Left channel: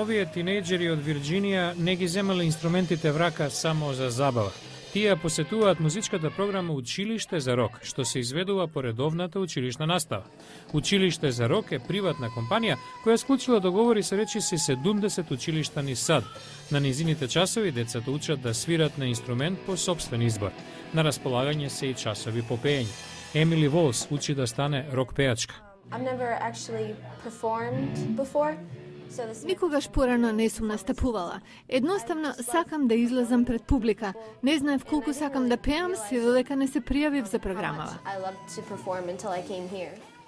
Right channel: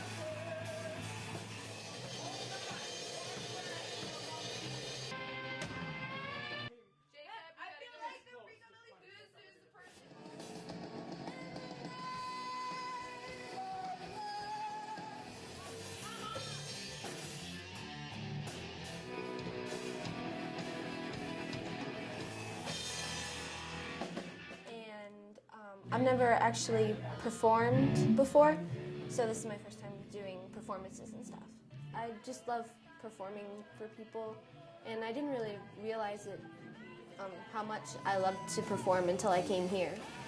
Овие тинејџери од Вирџинија не ги земале инструментите в рака само за забава. Тие посетуваат музичката програма Училиште за рок, што се изведува по редовната училишна настава. Училиште за рок е приватна компанија која склучила договори со речиси 70 училишта низ САД. На низините часови децата учат да свират на инструмент по сопствен избор. На располагање се и часови по пеење. Емили Волс учи да стане рок пеачка. I've never actually performed before. Никогаш порано не сум настапувала. Едноставно сакам да излезам пред публика. Не знаев колку сакам да пеам, се додека не се пријавив за програмава.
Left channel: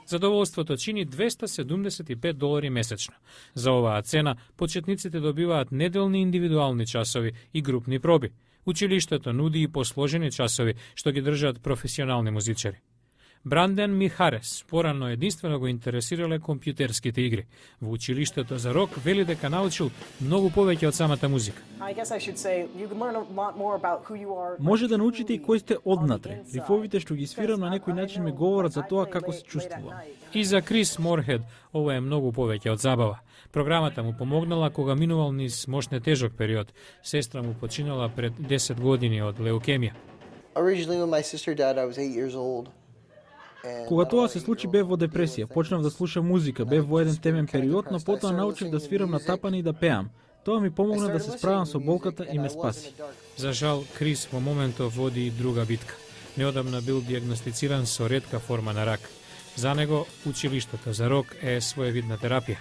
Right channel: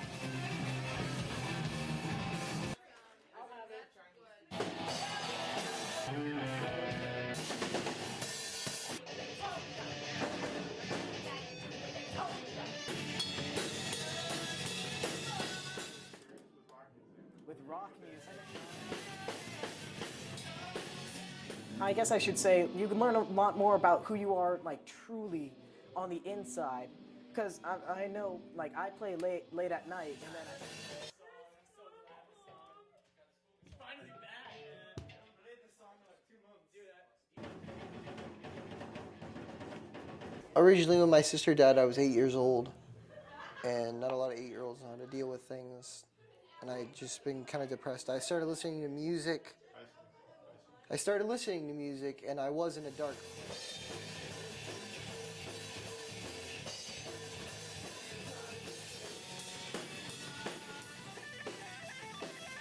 Задоволството чини $275 месечно. За оваа цена, почетниците добиваат неделни индивидуални часови и групни проби. Училиштето нуди и посложени часови, што ги држат професионални музичари. Бранден Михарес порано единствено го интересирале компјутерските игри. Во училиштето за рок вели дека научил многу повеќе од самата музика. Може да научите и кој сте однатре. Рифовите што ги свирам на некој начин ме говорат за тоа како се чувствувам. И за Крис Морхед ова е многу повеќе од забава. Програмата му помогнала кога минувал низ мощне тежок период. Сестра му починала пред 10 години од леукемија. Originally when my sister died I was 8 years old. Кога тоа се случи бев во депресија, почнав да слушам музика, бев во еден темен период, но потоа научив да свирам на тапани и да пеам. Тоа ми помогна да се справам со болката и ме спаси. За жал, Крис во моментов води и друга битка. Неодамна бил диагностициран со ретка форма на рак. За него училиштето за рок е своевидна терапија.